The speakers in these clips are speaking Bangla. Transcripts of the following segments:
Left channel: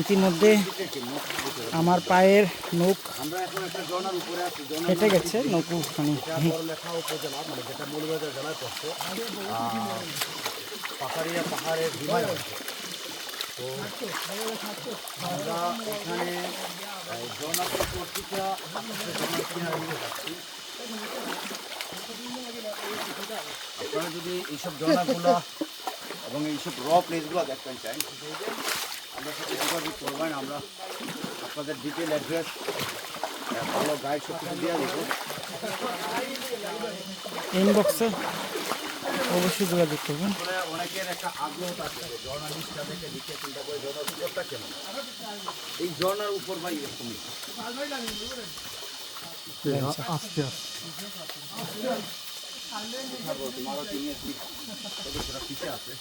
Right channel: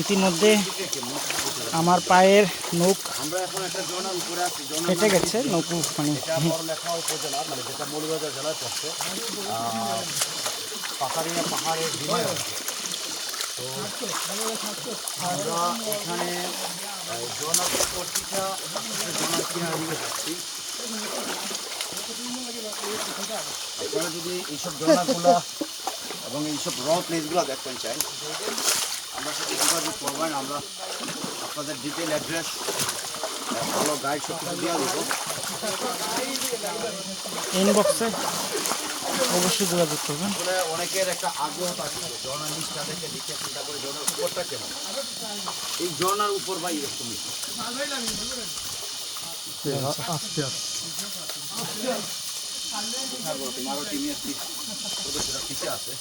ইতিমধ্যে আমার পায়ের জনা ফেটে গেছে নৌকো মানে যেটা জেলায় পাহাড়িয়া পাহাড়ের আপনারা যদি এইসব জনাগুলা এবং এইসব র প্লেসগুলো দেখতে চাই আমরা সাথে যোগাযোগ করবেন আমরা আপনাদের ডিটেল অ্যাড্রেস ভালো গাইড সব কিছু দেবো ইনবক্সে অবশ্যই যোগাযোগ করবেন অনেকের একটা আগ্রহ ঝর্ণার নিচটা দেখে লিখে চিন্তা করে ঝর্ণার উপরটা কেমন এই ঝর্ণার উপর ভাই এরকমই তোমারও টিমের সদস্যরা পিছিয়ে আছে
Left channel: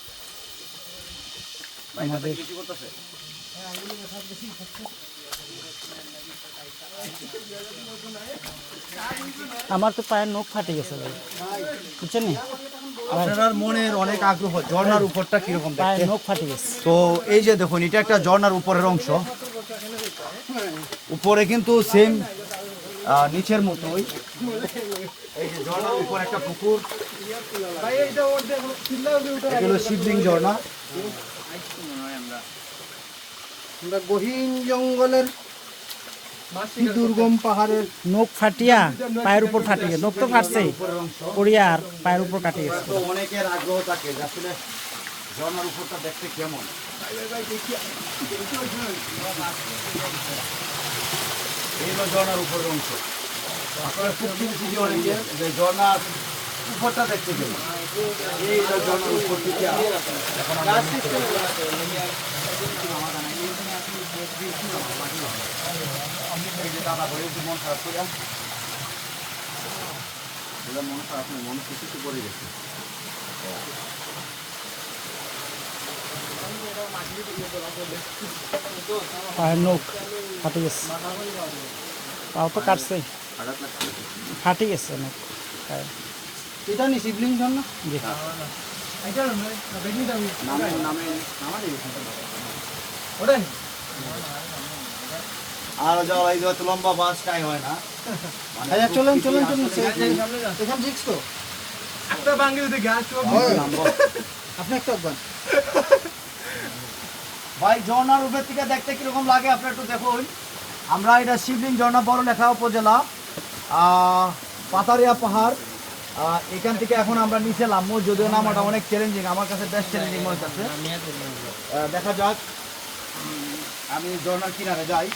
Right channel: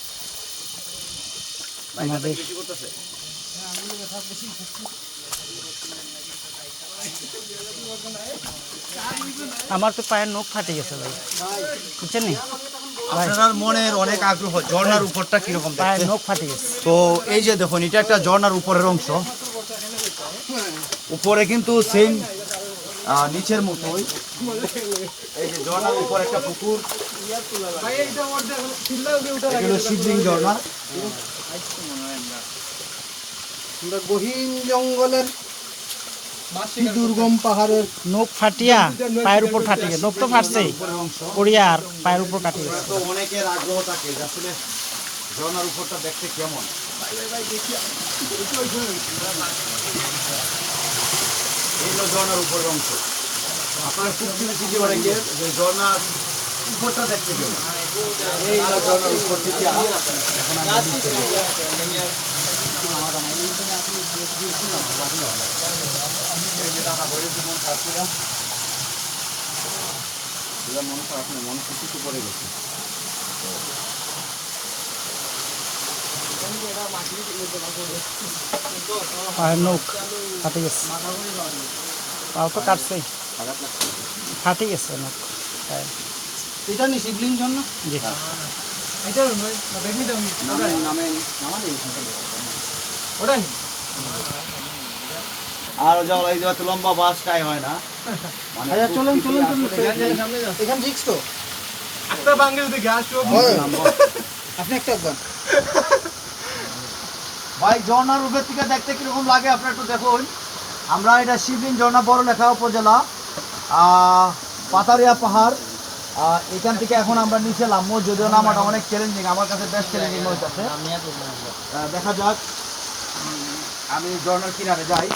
আমাদের। আমার তো পায়ের নখ ফাটে গেছে ভাই। বুঝছেন আপনার মনের অনেক আগ্রহ ঝর্ণার উপরটা কীরকম পায়ের নখ ফাটে গেছে। তো এই যে দেখুন এটা একটা ঝর্ণার উপরের অংশ। উপরে কিন্তু সেম নিচের মতোই। এই যে ঝর্ণার উপর একটা পুকুর। এগুলো শিবলিং ঝর্ণা। আমরা গহীন জঙ্গলের দুর্গম পাহাড়ের নখ ফাটিয়া পায়ের উপর ফাটে গেছে। নখ তো আর পায়ের উপর কাটে গেছে। তো অনেকের আগ্রহ থাকে আসলে ঝর্ণার উপরটা দেখতে কেমন। এগুলো ঝর্ণার উপরের অংশ আপনারা খুব শুনেছি যে অনেকে যে ঝর্ণার উপরটা দেখতে কেমন এই হলো ঝর্ণার উপর থেকে এখন আমরা নিচে এই যে দাদা বলেছি মন খারাপ ছিলাম সেটা মন খারাপ নেই মন কিছু পড়ে গেছে পায়ের নখ ফাটে গেছে। পাও তো কাটছে ফাটে গেছে পায়ে এটা নি শিবলিং জন্য? জি। নামে নামে নামালে আর যা ওই যে তো লম্বা বাসটাই হয় না। মানে ভাইয়া, চলেন, চলেন, চলেন। এখানে ঠিক তো। আপনি একটা একবার ভাই ঝর্ণার উপর থেকে দেখতে কীরকম লাগে? আপনার একটু দেখুন। আমরা এটা শিবলিং ঝর্ণা বড় লেখা উপজেলা পাতারিয়া পাহাড় এখান থেকে এখন আমরা নিচে নামবো, যদিও নামাটা অনেক চ্যালেঞ্জিং আমার কাছে বেশ চ্যালেঞ্জিং মনে হচ্ছে দেখা যাক। আমি ঝর্ণার কিনারে যাই।